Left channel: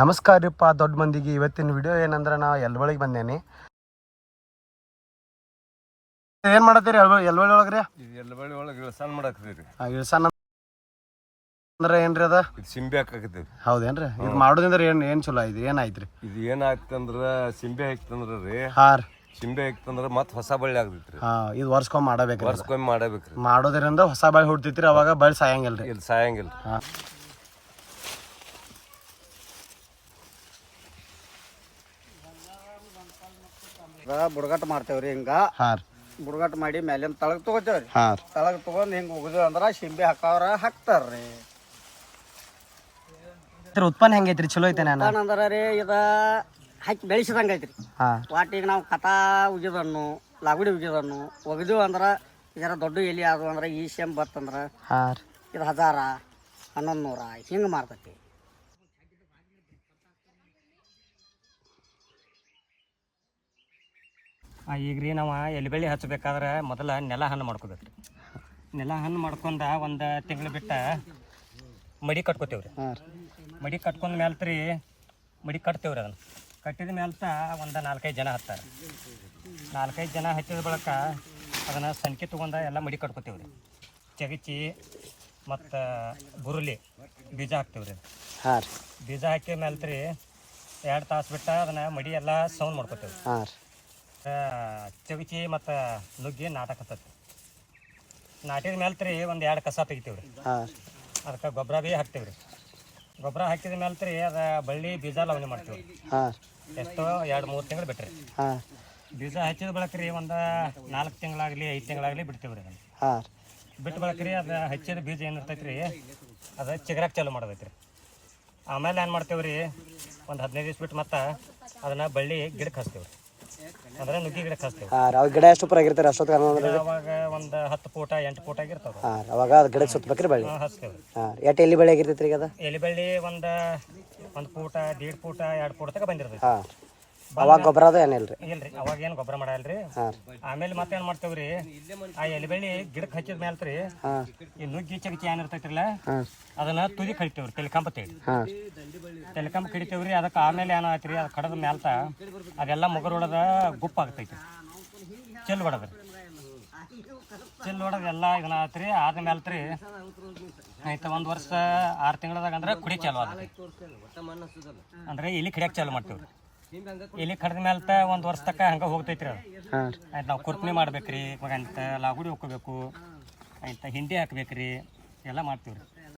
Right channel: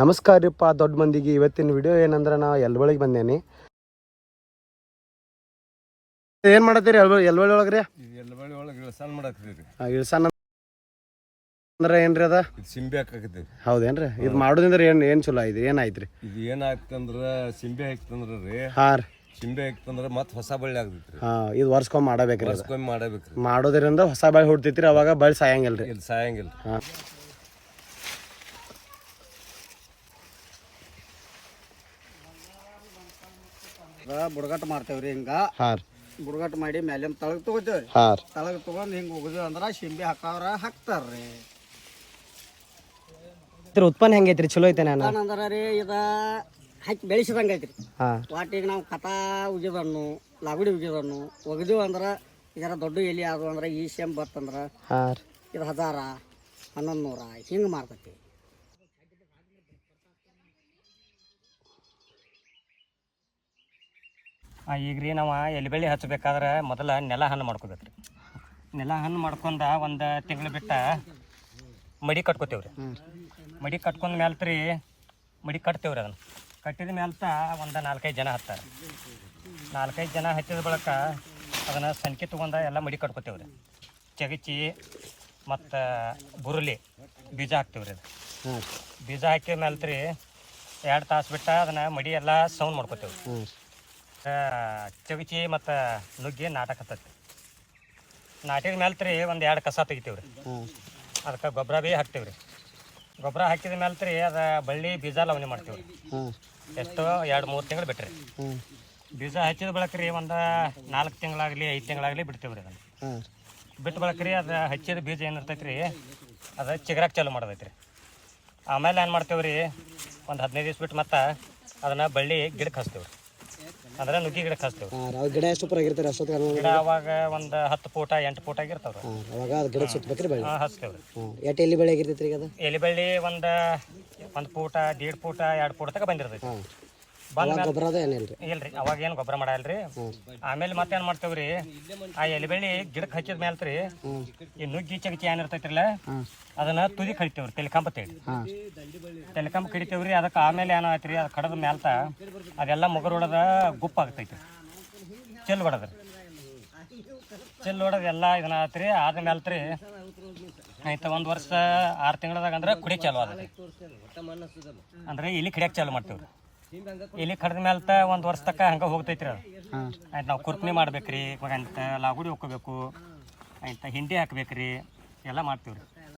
ನಮಸ್ಕಾರಪ್ಪ ದೊಡ್ಡ ಮಂದಿಗೆ. ಇವತ್ತಿನ ವಿಡಿಯೋ ಏನಂದ್ರೆ ನಾ ಎಲ್ಬಳಿಗೆ ಬಂದೇನಿ. ಏನ್ ಮಾಡತ್ತೀರಿ ಎಲ್ಬಳಿ ಒಳಗ್ರಿ? ಎಲ್ಬಳಿ ಒಳಗೆ ಇಳ್ಸಾನ್ ಮಾಡಾಕ್ತೀರಿ. ಇಳ್ಸಾನ ಅಂದ್ರೆ ಏನ್ರಿ ಅದ? ಇದು ಸಿಂಬೆ ಹಾಕಾಕತ್ತೀರಿ. ಹೌದೇನ್ರಿ? ಇದು ಮಾಡೋದ್ರಿಂದ ಏನ್ ಚಲೋ ಐತಿ? ಏನಾಯ್ತ್ರಿ ಇದು ಏನಾಗ್ತಂದ್ರ ಸಿಂಬೆ ಹಾಕ್ತಂದ್ರ ರೀ, ಸಿಂಬೆ ಹಾಕ್ತಂದ್ರ ಮತ್ ಹೊಸ ಬಳ್ಳಿ ಆಗ್ತೈತ್ರಿ. ಇದು ವರ್ಷಕ್ಕೊಮ್ಮೆ ಮಾಡಬೇಕ್ರಿ. ವರ್ಷಕ್ಕೊಮ್ಮೆ ಮಾಡಬೇಕ್ರಿ. ಮಾಡೋದ್ರಿಂದ ಹೊಸ ಬಳ್ಳಿ ಹುಡ್ತೈತ್ರಿ, ಅವಾಗ ಬಳ್ಳಿ ಸಾಯಂಗಿಲ್ರಿ. ಇಲ್ಲಿ ಸಾಯಂಗಿಲ್ರಿ. ಬುಡಗಟ್ಟು ಮಾಡ್ತೇವ್ರಿ. ಹಿಂಗ ಬುಡಗಟ್ಟು ಮಾಡಿ ಮ್ಯಾಲಿನ ತಳಗ್ ತಗೋತೇವ್ರಿ. ತಳಗ್ ತಗೊಂಡ್ ಹಿಂಗ ಉಗಿದು ಅಂದ್ರ ಶಿಂಬೆ ಹಾಕವ್ರ ಹಾಕ್ತಾರ್ರಿ. ಉತ್ಪನ್ನ ಹೆಂಗೈತ್ರಿ? ಚಲೋ ಐತೆ ಅಂದ್ರ ರೀ ಇದ ಹಾಕಿ ಬೆಳೆಸಿದಂಗ ಐತ್ರಿ. ವಾಟಿಗೆ ನಾವು ಕಥಾ ಉಗಿದನ್ನು ಲಾಗುಡಿ ಉಗಿದನ್ನು ಒಗದೇವು ಅಂದ್ರ ಇದರ ದೊಡ್ಡ ಎಲಿ ಅದು ಅಂದ್ರ ಈ ಶೇಮ್ ಬತ್ತಂದ್ರ ಇದು 1000 1100 ಹಿಂಗ ಮಾರ್ತೈತಿ. ಈಗ ರೀ ನಾವು ಎಲೆಬಳ್ಳಿ ಹಚ್ಚಬೇಕಾದ್ರೆ ಮೊದಲ ನೆಲ ಹಣ್ಣು ಮಾಡ್ಕೋಬೇಕ್ರಿ. ನೆಲ ಹಣ್ಣು ಮಾಡ್ಕೊಂಡ ಒಂದು ತಿಂಗಳು ಬಿಟ್ಟ ಮಡಿ ಕಟ್ಕೋತೇವ್ರಿ. ಮಡಿ ಕಟ್ಕೊಂಡ ಮ್ಯಾಲ್ತ್ರಿ ಮಡಿ ಕಟ್ತೇವ್ರಿ. ಅದನ್ನು ಕಟ್ಟಿದ ಮ್ಯಾಲ್ತ ಒಂದು 4-5 ಜನ ಹತ್ತಾರೆ. 4-5 ಜನ ಹಚ್ಚಿದ ಬಳಿಕ ಅದನ್ನು ಸಂಖ್ಯೆ ತೊಗೊಂಡ ಎಲ್ಲ ಮಡಿ ಕಟ್ಕೋತೇವ್ರಿ. ಚಗಚಿ ಮತ್ತು ಬುರುಲಿ ಬೀಜ ಹಾಕ್ತೇವ್ರಿ. ಅದು ಬೀಜ ಹಾಕಿದ ಮ್ಯಾಲ್ತ್ರಿ 2 ತಾಸು ಬಿಟ್ಟ ಅದನ್ನು ಮಡಿ ಎಲ್ಲ ಸೌಂಡ್ ಮಾಡ್ಕೋತೇವ್ರಿ. ಚವಿಚಿ ಮತ್ತು ನುಗ್ಗಿ ನಾಟಕತ್ತೈತಿ. ನಾಟಿದ ಮ್ಯಾಲ್ತ್ರಿ ಒಂದು 2 ಕಸ ತೆಗಿತೀವ್ರಿ. ಅದಕ್ಕೆ ಗೊಬ್ಬರ ಭೀ ಹಾಕ್ತೇವ್ರಿ. ಗೊಬ್ಬರ ಹಾಕಿದ ಮ್ಯಾಲ್ತ್ರಿ ಅದು ಬಳ್ಳಿ ಬೀಜ ಲವಣಿ ಮಾಡ್ತೀವಿ. ಎಷ್ಟೋ 2-3 ತಿಂಗಳು ಬಿಟ್ರಿ. ಬೀಜ ಹಚ್ಚಿದ ಬಳಕ್ರಿ ಒಂದು 4 ತಿಂಗಳಾಗಲಿ 5 ತಿಂಗಳಾಗಲಿ ಬಿಡ್ತೇವ್ರಿ. ಅದನ್ನು ಬಿಟ್ಟು ಬಳಕ್ರಿ ಅದು ಹಚ್ಚಿದ ಬೀಜ ಏನಿರ್ತೈತಿ ರೀ ಅದು ಚಿಗರಾಕ್ ಚಾಲು ಮಾಡೋದೈತ್ರಿ. ಆಮೇಲೆ ಏನು ಮಾಡ್ತೇವ್ರಿ, ಒಂದು 15 ದಿವ್ಸ ಬಿಟ್ಟು ಮತ್ತೆ ಅದನ್ನು ಬಳ್ಳಿ ಗಿಡಕ್ಕೆ ಹಚ್ತೇವ್ರಿ. ಅಂದ್ರೆ ನುಗ್ಗಿ ಗಿಡಕ್ಕೆ ಹಚ್ತೇವೆ. ಗಿಡ ಎಷ್ಟು ಪರ ಆಗಿರ್ತಾರೆ ಅಷ್ಟೊತ್ತಿಗೆ? ಅವಾಗ ಒಂದು 10 ಫೂಟ 8 ಫೂಟ ಆಗಿರ್ತಾವ್ರಿ. ಅವಾಗ ಅದು ಗಿಡಕ್ಕೆ ಸುತ್ತಬೇಕ್ರಿ ಬಳ್ಳಿ ಹಚ್ತೇವ್ರಿ. ಎಷ್ಟು ಎಲ್ಲಿ ಬಳ್ಳಿ ಆಗಿರ್ತೈತ್ರಿ ಈಗ? ಎಲಿ ಬಳ್ಳಿ ಒಂದು ಫೂಟ 1.5 ಫೂಟ 2 ಫೂಟ ತನಕ ಬಂದಿರ್ತೈತಿ. ಅವಾಗ ಗೊಬ್ಬರ ಅದ ಏನಿಲ್ರಿ? ಇಲ್ರಿ, ಅವಾಗ ಏನು ಗೊಬ್ಬರ ಮಾಡಲ್ರಿ. ಆಮೇಲೆ ಮತ್ತೇನ್ ಮಾಡ್ತೇವ್ರಿ, ಆ ಎಲಿ ಬಳ್ಳಿ ಗಿಡಕ್ಕೆ ಹಚ್ಚಿದ ಮ್ಯಾಲ್ತ್ರಿ ಈ ನುಗ್ಗಿ ಚಗಚಿ ಏನಿರ್ತೈತ್ರಲ್ಲ ಅದನ್ನ ತುದಿ ಕಡಿತೇವ್ರಿ. ತೆಲಿಕಂಬ ತೆಲಿಕಂಬ ಕಡಿತೇವ್ರಿ. ಅದಕ್ಕೆ ಆಮೇಲೆ ಏನೋ ಆಯ್ತ್ರಿ, ಅದು ಕಡದ ಮ್ಯಾಲ್ತ ಅದೆಲ್ಲ ಮುಗರೊಳದ ಗುಪ್ಪ ಆಗ್ತೈತಿ. ಚೆಲ್ ಹೊಡದ್ರಿ, ಚೆಲ್ ಹೊಡೋದು ಎಲ್ಲ ಇದನ್ನ ಆತ್ರಿ. ಆದ ಮ್ಯಾಲ್ತ್ರಿ ಆಯ್ತು 1 ವರ್ಷ 6 ತಿಂಗಳದಾಗ ಅಂದ್ರೆ ಕುಡಿ ಚಾಲು ಆದ ಅಂದ್ರೆ ಇಲ್ಲಿ ಕಡಿಯಕ್ಕೆ ಚಾಲು ಮಾಡ್ತೇವ್ರಿ. ಇಲ್ಲಿ ಕಡ್ದ ಮ್ಯಾಲ್ತ 1 ವರ್ಷ ತಕ್ಕ ಹಂಗೆ ಹೋಗ್ತೈತ್ರಿ. ಅದು ಆಯ್ತು ನಾವು ಕುರ್ಪಣಿ ಮಾಡ್ಬೇಕ್ರಿ, ಅಂತ ಲಾಗುಡಿ ಹೋಗ್ಕೋಬೇಕು, ಆಯ್ತು ಹಿಂಡಿ ಹಾಕ್ಬೇಕ್ರಿ, ಎಲ್ಲ ಮಾಡ್ತೀವ್ರಿ.